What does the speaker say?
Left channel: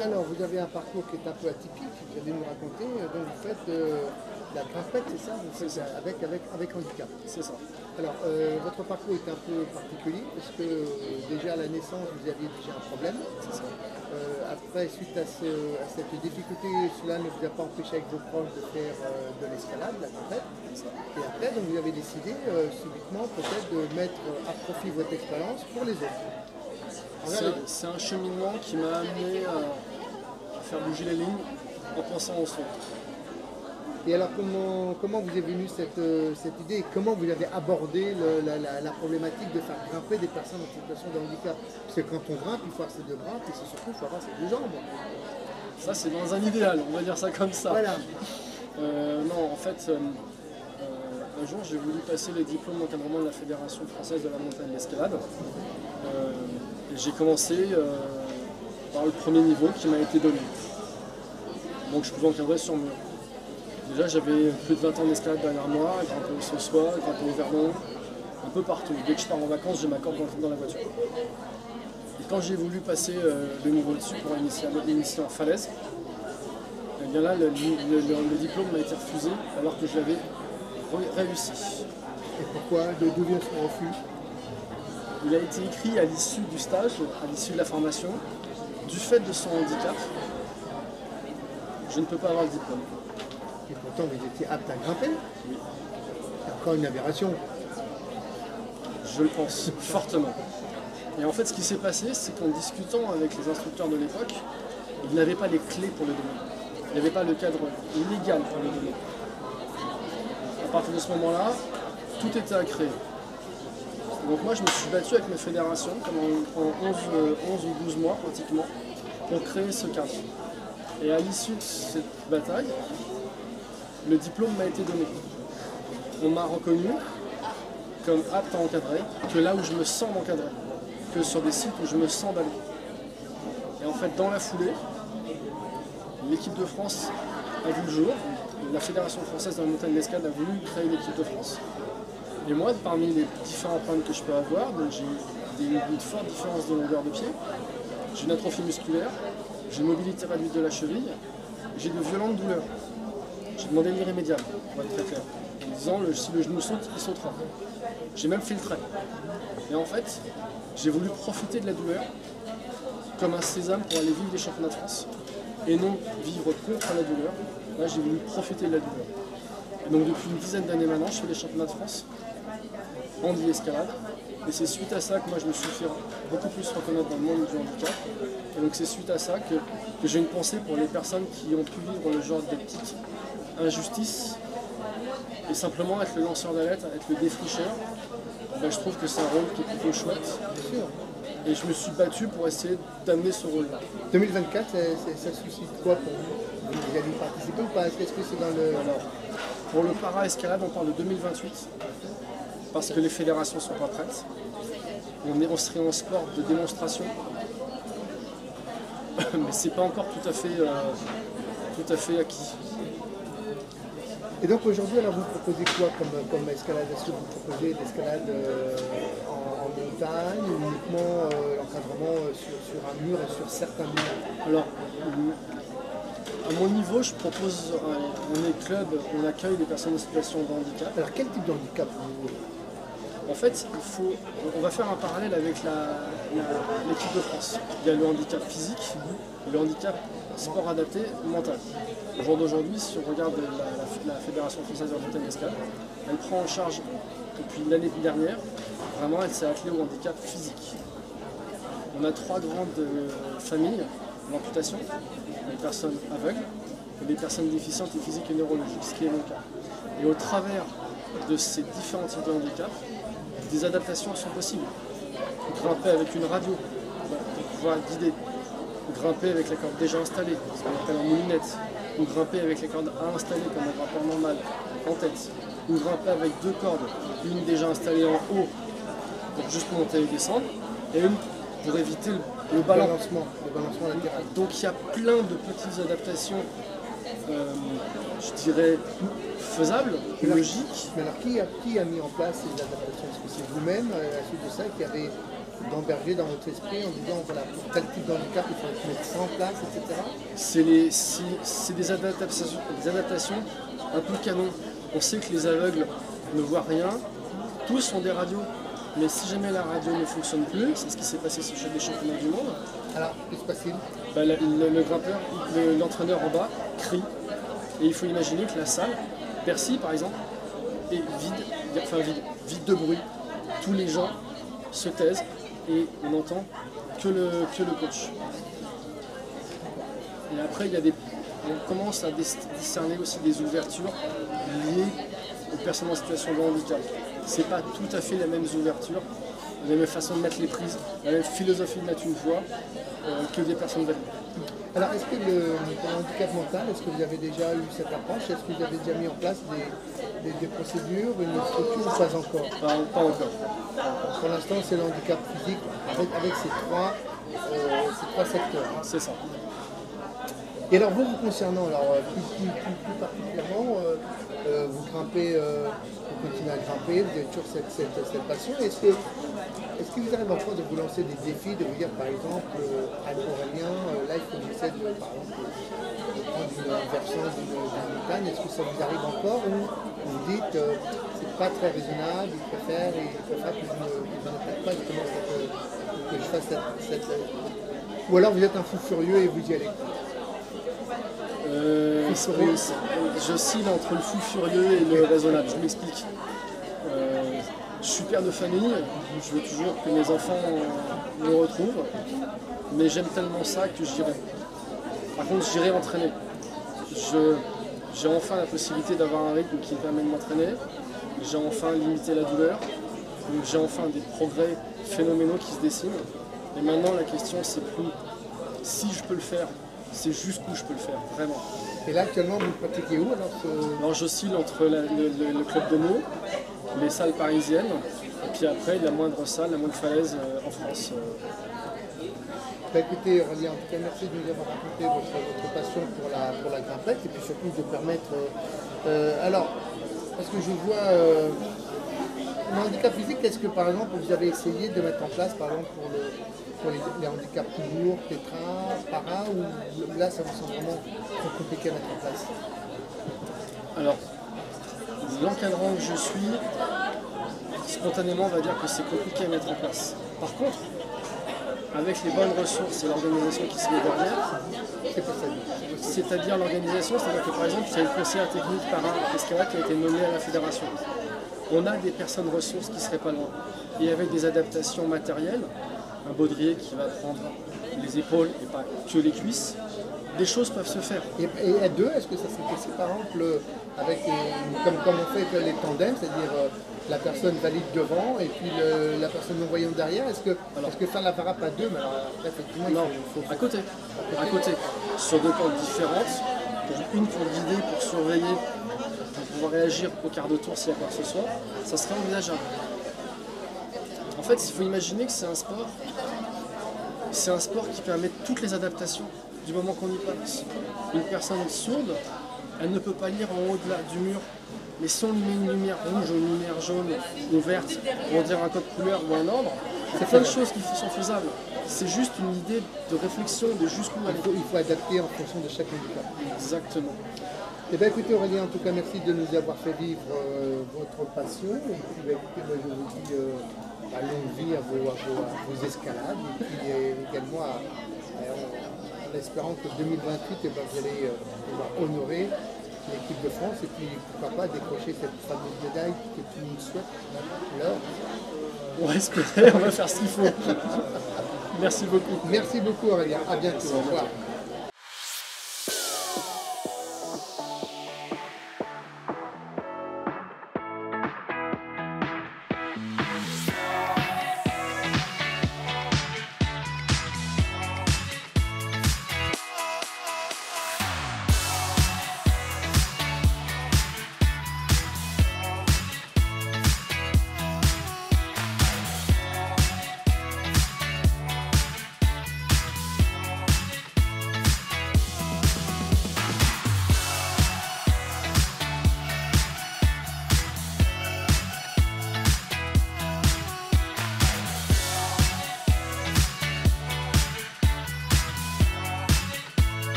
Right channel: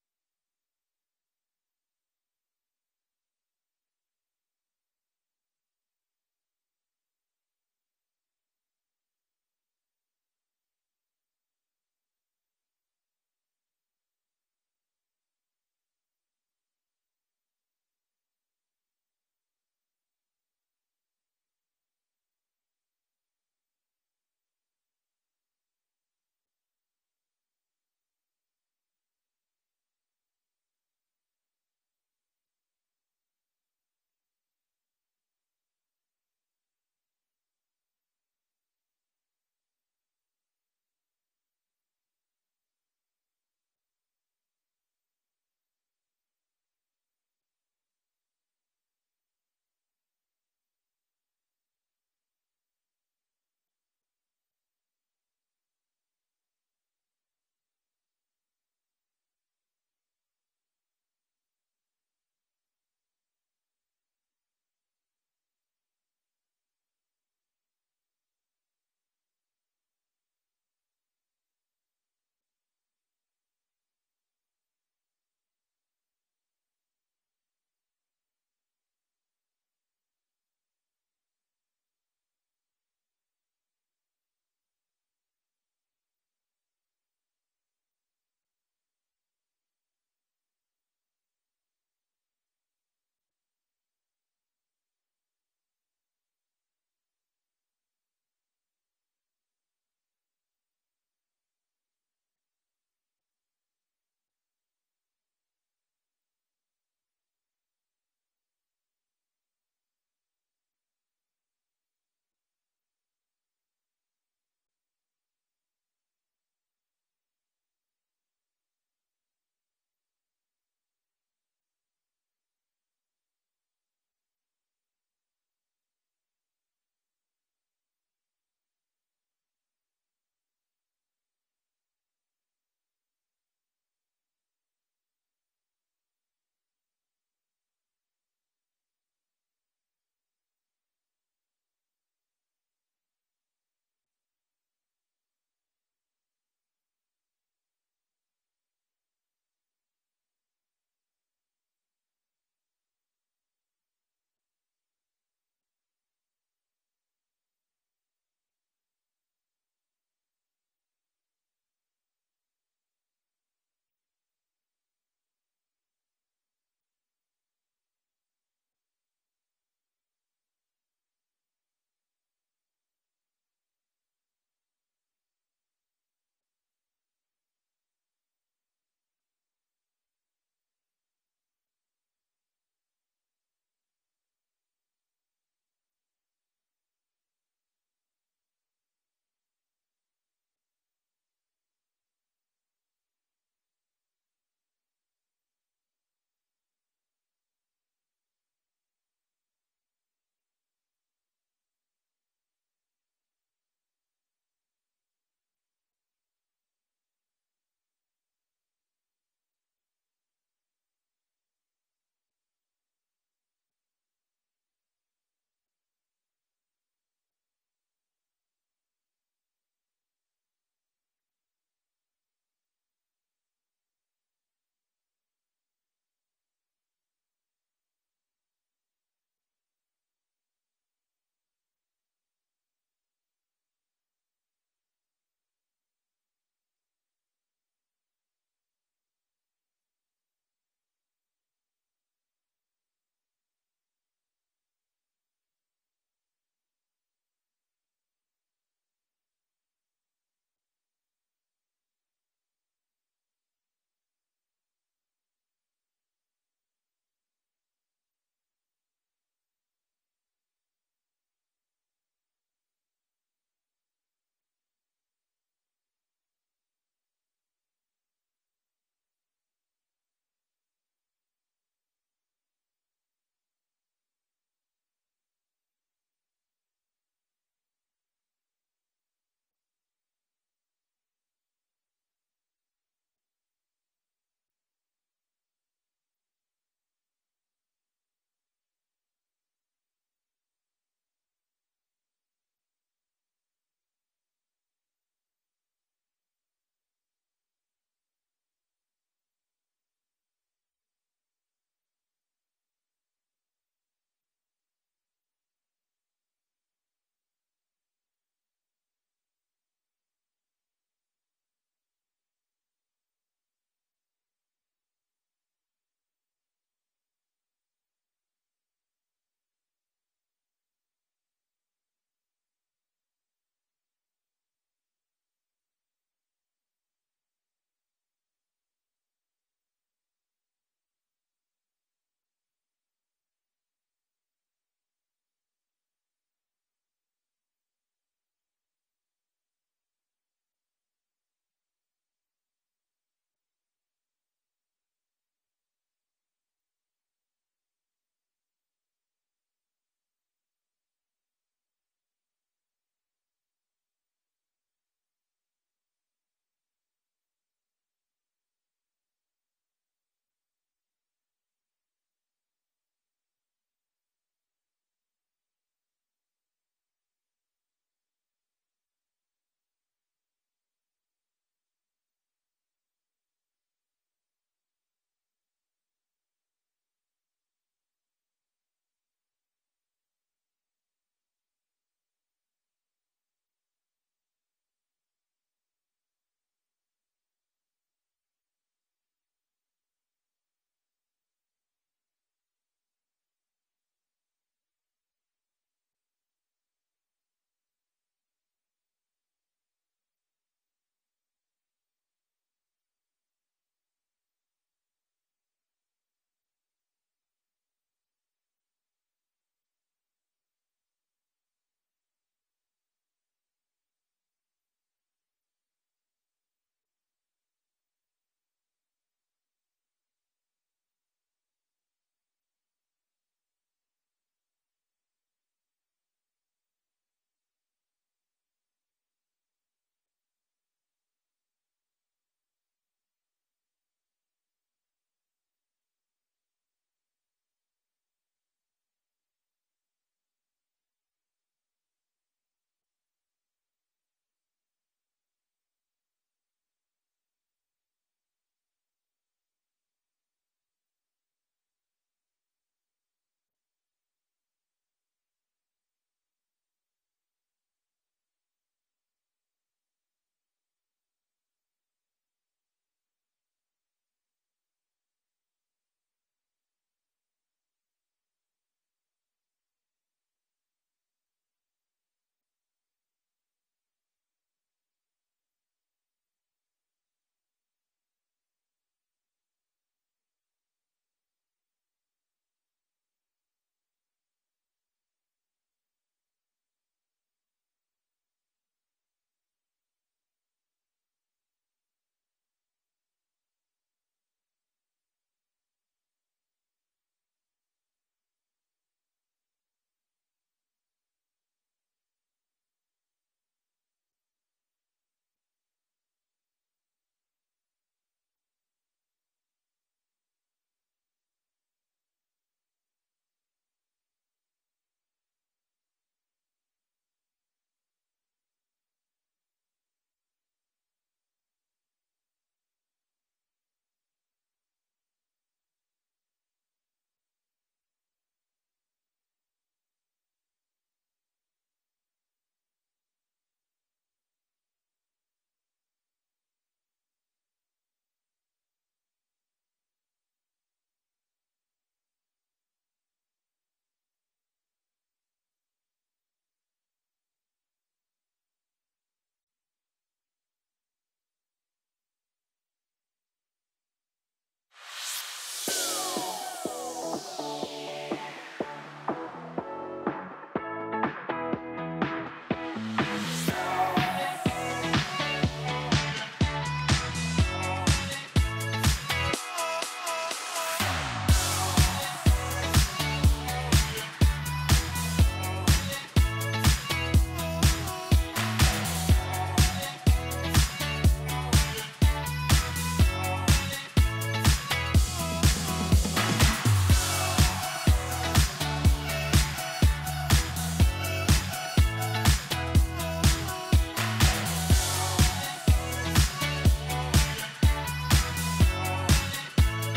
Alors, vous avez un parcours qui est un peu atypique, vous allez nous raconter, donc vous faites la grimpette, c'est ça? Vous faites ça avec handicap. C'est ça. Alors, votre parcours est un peu particulier, parce que déjà à la naissance, vous aviez déjà un problème. C'est ça. Après, suite à cette difficulté, cela ne vous a pas empêché avec vos proches de faire de l'escalade, la grimpette. Et après, donc, vous avez décidé subitement peut-être de mettre à profit votre expérience pour les autres. C'est un cheminement qui m'a amené à faire bouger les lignes en pensant au son. Et alors, comment vous est venue cette idée et comment vous avez abordé la problématique de faire grimper des personnes en situation de handicap? Parce que quand on grimpe, il faut avoir ses deux bras, et c'est surtout, il faut avoir ses deux jambes. Ça, c'est dans un idéal, on va dire ça comme ça. Voilà. Non, en fait, un jour, j'ai voulu passer les diplômes d'encadrement de la Fédération française de la montagne d'escalade. J'ai commencé par le premier niveau qui m'a été donné. Donc je pouvais encadrer sur mur. Déjà j'avais plus de 20 ans d'escalade derrière moi, grimper au Saussois, grimper au Verdon, un peu partout. Dès que je pars en vacances, j'ai ma corde dans la voiture. Et quand j'ai voulu passer le niveau dessus pour initier en falaise, et bien là le diplôme m'a été refusé alors que je l'avais réussi. Et pourquoi? D'où vient ce refus? Il a été écrit à l'issue du stage, à l'issue de la formation, du fait de son handicap, je ne peux pas avoir le diplôme. Et pourtant, vous étiez apte à grimper? Oui. C'est encore une aberration. Je le pense fortement. Et en fait, ce qui s'est passé, c'est qu'en discutant avec les instructeurs de l'époque, ils n'avaient pas les clés pour le donner. Il n'y avait pas le cadre légal pour le donner. À partir de ce moment-là, tout était à créer. Donc moi je me suis battu avec ma fédération pendant 11 ou 12 mois pratiquement pour créer ce cadre. Et à l'issue de cette bataille, le diplôme m'a été donné. On m'a reconnu comme apte à encadrer, que là où je me sens d'encadrer, que sur des sites où je me sens d'aller. Et en fait dans la foulée, l'équipe de France a vu le jour, la Fédération française de la montagne d'escalade a voulu créer l'équipe de France. Et moi, parmi les différents problèmes que je peux avoir, j'ai une forte différence de longueur de pied, j'ai une atrophie musculaire, j'ai une mobilité réduite de la cheville, j'ai de violentes douleurs. J'ai demandé l'irrémédiable, pour être très clair, en disant si le genou saute, il sautera. J'ai même fait le trait. Et en fait, j'ai voulu profiter de la douleur comme un sésame pour aller vivre les championnats de France. Et non vivre contre la douleur. Là, j'ai voulu profiter de la douleur. Et donc depuis une dizaine d'années maintenant, je fais les championnats de France handi-escalade. Et c'est suite à ça que moi je me suis fait beaucoup plus reconnaître dans le monde du handicap. Et donc c'est suite à ça que j'ai une pensée pour les personnes qui ont pu vivre le genre de petites injustices et simplement être le lanceur d'alerte, être le défricheur. Ben, je trouve que c'est un rôle qui est plutôt chouette. Et je me suis battu pour essayer d'amener ce rôle-là. 2024, ça suscite quoi pour vous? Vous allez y participer ou pas? Est-ce que c'est dans le... Alors, pour le para-escalade, on parle de 2028. Parce que les fédérations ne sont pas prêtes. On serait en sport de démonstration. Mais c'est pas encore tout à fait acquis. Et donc aujourd'hui, alors vous proposez quoi comme escalade? Est-ce que vous proposez de l'escalade en montagne ou uniquement l'encadrement sur un mur et sur certains murs? Alors, à mon niveau, je propose, on est club, on accueille des personnes en situation de handicap. Alors quel type de handicap vous... En fait, on va faire un parallèle avec l'équipe de France. Il y a le handicap physique et le handicap sport adapté mental. Au jour d'aujourd'hui, si on regarde la Fédération française de la montagne d'escalade, elle prend en charge, depuis l'année dernière, vraiment elle s'est attelée au handicap physique. On a 3 grandes familles d'amputation, les personnes aveugles et les personnes déficientes et physiques et neurologiques, ce qui est mon cas. Et au travers de ces différents types de handicap, des adaptations sont possibles. Grimper avec une radio pour pouvoir guider, grimper avec la corde déjà installée, ce qu'on appelle en moulinette, ou grimper avec les cordes à installer comme un grimpeur normal, en tête, ou grimper avec 2 cordes, une déjà installée en haut pour juste monter et descendre, et une pour éviter le balancement latéral. Donc il y a plein de petites adaptations, je dirais, faisables, logiques. Mais alors qui a mis en place ces adaptations? Est-ce que c'est vous-même, à la suite de ça, qui avez d'emberger dans votre esprit en disant voilà, pour tel type de handicap, il faut mettre ça en place, etc. C'est des adaptations un peu canon. On sait que les aveugles ne voient rien, tous ont des radios. Mais si jamais la radio ne fonctionne plus, c'est ce qui s'est passé sur les championnats du monde. Alors, que se passe-t-il? Bah, le grimpeur, l'entraîneur en bas crie. Et il faut imaginer que la salle, Bercy par exemple, est vide de bruit. Tous les gens se taisent et on n'entend que le coach. Et après, on commence à discerner aussi des ouvertures liées aux personnes en situation de handicap. C'est pas tout à fait la même ouverture, la même façon de mettre les prises, la même philosophie de mettre une voix que des personnes valides. Alors, est-ce que pour le handicap mental, est-ce que vous avez déjà eu cette approche? Est-ce que vous avez déjà mis en place des procédures, une structure ou pas encore? Pas encore. Pour l'instant, c'est le handicap physique avec ces trois secteurs. C'est ça. Et alors, vous concernant, alors, plus particulièrement, vous grimpez, vous continuez à grimper, vous avez toujours cette passion. Est-ce qu'il vous arrive encore de vous lancer des défis, de vous dire par exemple, Aurélien, là il faut que j'essaie de prendre une versant d'une montagne, est-ce que ça vous arrive encore ou vous dites c'est pas très raisonnable, il préfère que je n'en attaque pas justement que je fasse cette. Ou alors vous êtes un fou furieux et vous y allez. J'oscille entre le fou furieux et le raisonnable, je m'explique. Je suis père de famille, je veux toujours que mes enfants me retrouvent, mais j'aime tellement ça que j'irai. Par contre, j'irai entraîner. J'ai enfin la possibilité d'avoir un rythme qui me permet de m'entraîner, j'ai enfin limité la douleur, donc j'ai enfin des progrès phénoménaux qui se dessinent. Et maintenant, la question, c'est plus si je peux le faire, c'est jusqu'où je peux le faire, vraiment. Et là, actuellement, vous pratiquez où alors Alors, j'oscille entre le club de Meaux, les salles parisiennes, et puis après, la moindre salle, la moindre falaise en France. Bah, écoutez, Aurélien, en tout cas, merci de nous avoir raconté votre passion pour la grimpette et puis surtout de permettre. Alors, parce que je vois le handicap physique, est-ce que par exemple vous avez essayé de mettre en place, par exemple, pour les handicaps tout lourds, tétra, para, ou là ça vous semble vraiment trop compliqué à mettre en place? Alors, l'encadrant que je suis, spontanément, on va dire que c'est compliqué à mettre en place. Par contre, avec les bonnes ressources et l'organisation qui se met derrière, c'est-à-dire l'organisation, c'est-à-dire que par exemple, il y a une conseillère technique para-escalade qui a été nommée à la fédération. On a des personnes ressources qui seraient pas loin. Et avec des adaptations matérielles, un baudrier qui va prendre les épaules et pas que les cuisses, des choses peuvent se faire. Et à deux, est-ce que ça serait possible par exemple avec comme on fait avec les tandems, c'est-à-dire la personne valide devant et puis la personne non-voyante derrière, est-ce que faire la para à deux, mais alors après, effectivement, non, il faut à côté, sur deux pentes différentes, une pour guider, pour surveiller, pour pouvoir réagir au quart de tour s'il y a quoi que ce soit, ça serait envisageable. En fait, il faut imaginer que c'est un sport qui permet toutes les adaptations du moment qu'on y passe. Une personne sourde, elle ne peut pas lire en haut du mur, mais si on lui met une lumière rouge, une lumière jaune ou verte, pour dire un code couleur ou un ordre, c'est plein de choses qui sont faisables. C'est juste une idée de réflexion de jusqu'où aller. Il faut adapter en fonction de chaque handicap. Exactement. Eh bien écoutez Aurélien, en tout cas merci de nous avoir fait vivre votre passion. Et puis écoutez, moi je vous dis longue vie à vos escalades et puis également en espérant que 2028 vous allez honorer l'équipe de France et puis pourquoi pas décrocher cette fameuse médaille que tout le monde souhaite. Alors, on va espérer, on va faire ce qu'il faut. Merci beaucoup. Merci beaucoup Aurélien, à bientôt. Au revoir.